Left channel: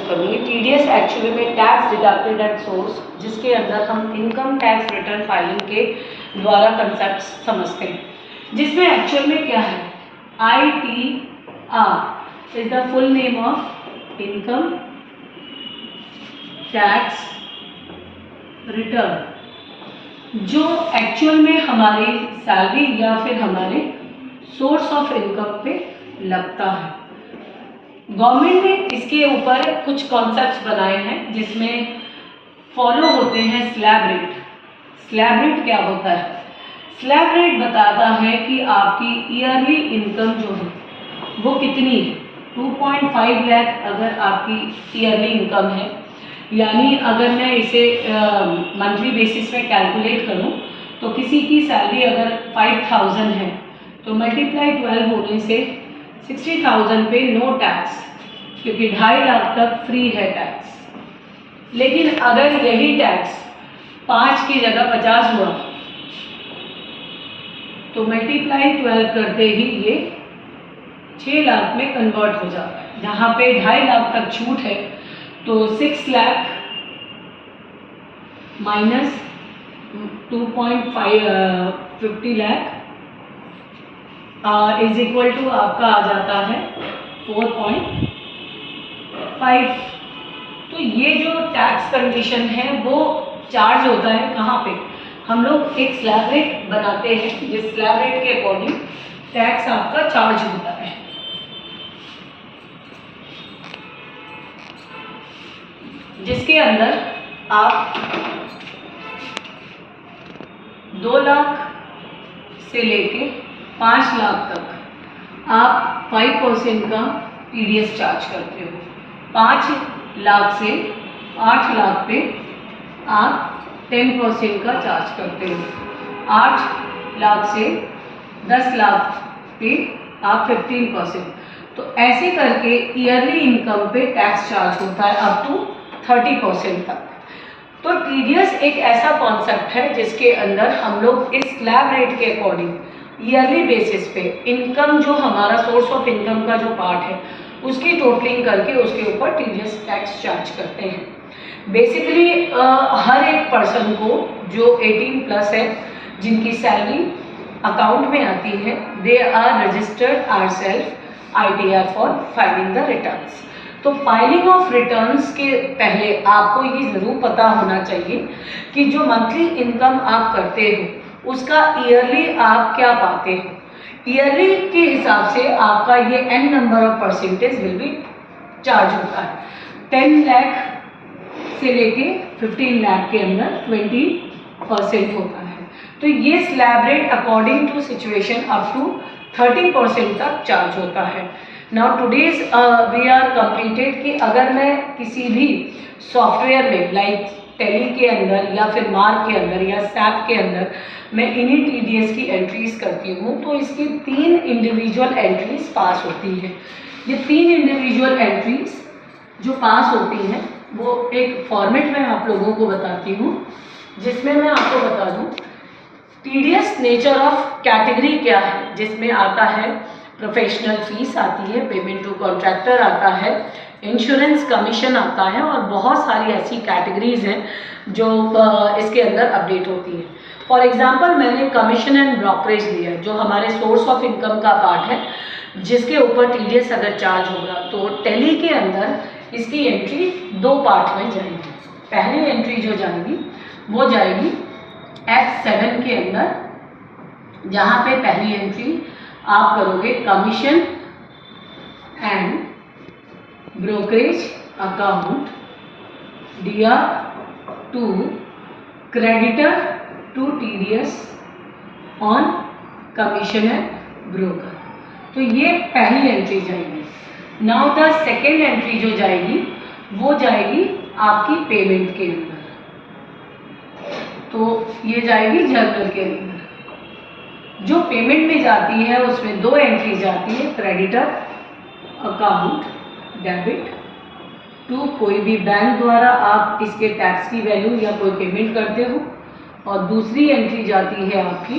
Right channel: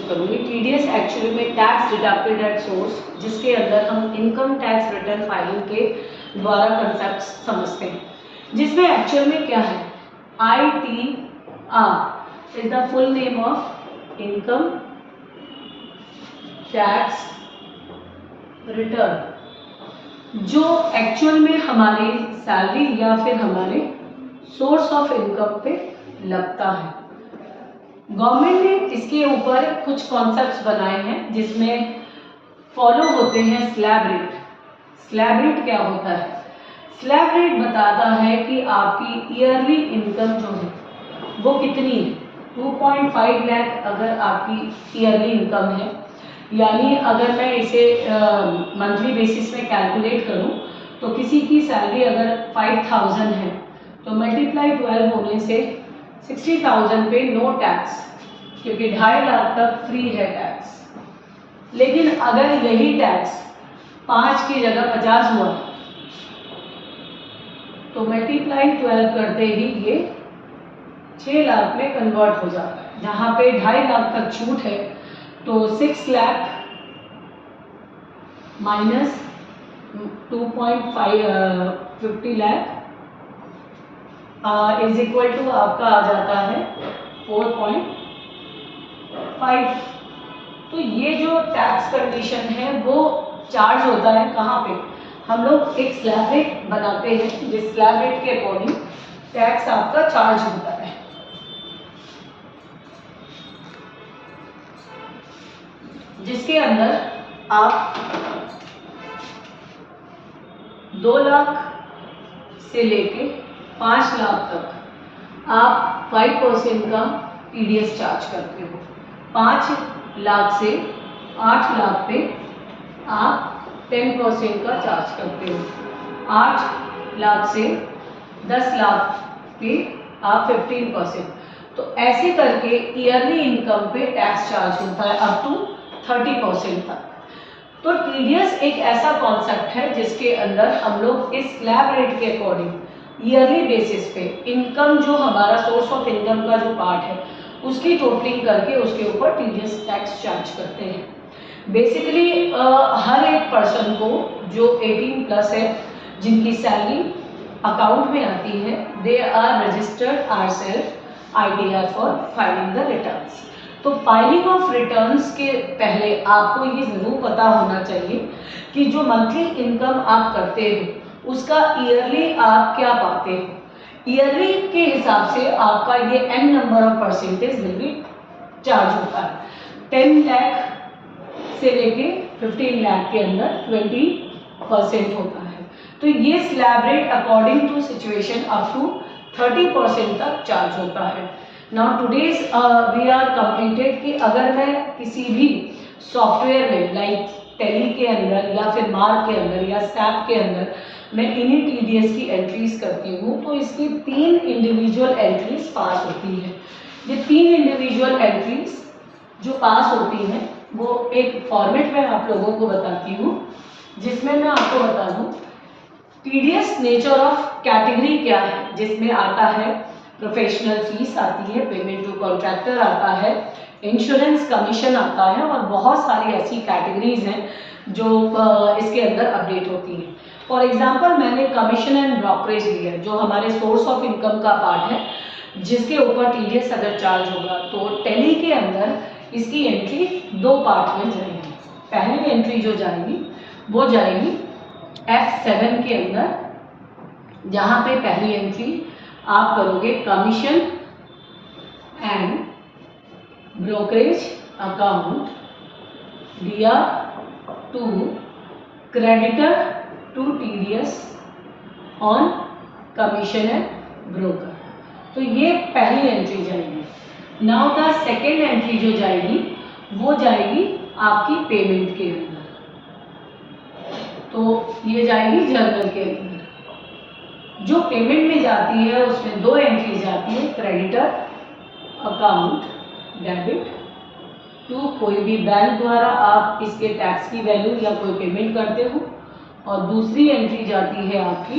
करेंगे। TDS actually में tax deducted at source, जिसके अंदर हम इनकम टैक्स रिटर्न फाइलिंग के द्वारा कंसेप्ट समझते हैं, जिसमें एक्चुअल में क्या है, ITR is the full name of income tax return, जो एक्चुअल में हमारी सैलरी या फिर हमारे सोर्स ऑफ इनकम पे लगता है। गवर्नमेंट ने इसके ऊपर कुछ कॉन्सेप्ट्स बनाए हैं, जिसमें फॉलो होते हैं स्लैब रेट। स्लैब रेट क्या होता है? स्लैब रेट बताता है कि आपकी ईयरली इनकम जो है वो कितनी है। 2.5 लाख अगर आपकी ईयरली इनकम है, यानी अगर मैं इसे मंथली बेसिस में कैलकुलेट करूं तो किसी की सैलरी अगर 5000 है तो मल्टीप्लाई 12 होने से 60,000 पे नो टैक्स, क्योंकि 2.5 लाख तक फ्री है टैक्स। लेकिन अगर यही टैक्स 5 की जगह 50 हुआ तो मल्टीप्लाई 12 करते ही ये 6 लाख में कन्वर्ट हो जाता है। जहाँ पे 2.5 लाख तक छूट है तो 6 lakh minus 2.50 lakh is equal to आपका आ जाता है 4.5। तो ये जो टैक्स कंडीशन है वो चार्ज होता है कहाँ पे? हम लोग एक स्लैब रेट बनाते हैं, जिस स्लैब रेट के अकॉर्डिंग टैक्स आपका चार्ज होता है। जिसके अंदर आप 2 लाख से लेके 5 लाख तक आप 5% का टीडीएस चार्ज करते हो। 5 लाख से 8 लाख पे आप 10% का चार्ज करते हो। 8 लाख से 10 लाख पे आप 15%। तो ऐसे करके ईयरली इनकम पे टैक्स चार्ज होता है अप टू 30% तक। तो टीडीएस एक ऐसा कॉन्सेप्ट है जिसके अंदर हम लोग इस स्लैब रेट के अकॉर्डिंग ईयरली बेसिस पे इनकम, जो हमारा सोर्स ऑफ इनकम का जो पार्ट है, उसकी टोटलिंग करके उसके ऊपर टीडीएस टैक्स चार्ज करते हैं। बेसिकली हर एक पर्सन को जो 18 प्लस है, जिनकी सैलरी अकाउंट में आती है, they are registered ourselves ITR for filing the returns. तो फाइलिंग ऑफ रिटर्न्स के पहले आपको ये ज़रूर पता होना चाहिए कि जो मंथली इनकम आप करते हो उसका ईयरली आप क्या पाते हो। ईयरली के हिसाब से आपका ये n number of percentage will be charge होता है। 10 लाख से लेके 15 लाख के अंदर 20% होता है। तो ये slab rate according to situation up to 30% तक चार्ज होता है। Now today's we are completed कि अगर मैं किसी भी सॉफ्टवेयर में लाइक टैली के अंदर या फिर मार्क के अंदर या सैप के अंदर मैं इन्हीं टीडीएस की एंट्रीज करती हूँ, तो इसकी 3 इंडिविजुअल एंट्रीज पास होती है। ये 3 इंडिविजुअल एंट्रीज जो पास होती हैं वो एक फॉर्मेट में आप लोगों को बताती हूँ, जिसमें मैं आपको बता दूँ टीडीएस नेचर ऑफ कैटेगरी क्या है, जिसमें आता है प्रोफेशनल फीस आती है, पेमेंट टू कॉन्ट्रैक्टर आता है, इंश्योरेंस कमीशन आता है, और बहुत सारी ऐसी कैटेगरीज हैं जो इसके अंदर अपडेट होती हैं। फॉर एग्जांपल मैंने कमीशन एंड ब्रोकरेज लिया, जो हमारे सोर्स ऑफ इनकम का पार्ट है, जिसके ऊपर टीडीएस अगर चार्ज होगा तो टैली के अंदर इसकी एंट्री 2 पार्ट में जाएगी। पहली एंट्री जो जाएगी वो जाएगी F7 के अंदर, जहाँ पे पहली एंट्री आप करोगे commission and brokerage account DR to creditor to TDS on commission and broker. तो ये पहली एंट्री जाएगी। नाउ द सेकेंड एंट्री जो जाएगी वो जाएगी आपकी पेमेंट के अंदर। तो ये जाएगी जर्नल के अंदर। जो पेमेंट में जाती है उसमें 2 एंट्री जाती है, क्रेडिटर अकाउंट डेबिट टू कोई भी बैंक द्वारा आप इसके टैक्स की वैल्यू या कोई पेमेंट करते हो, और दूसरी एंट्री जाती है आपकी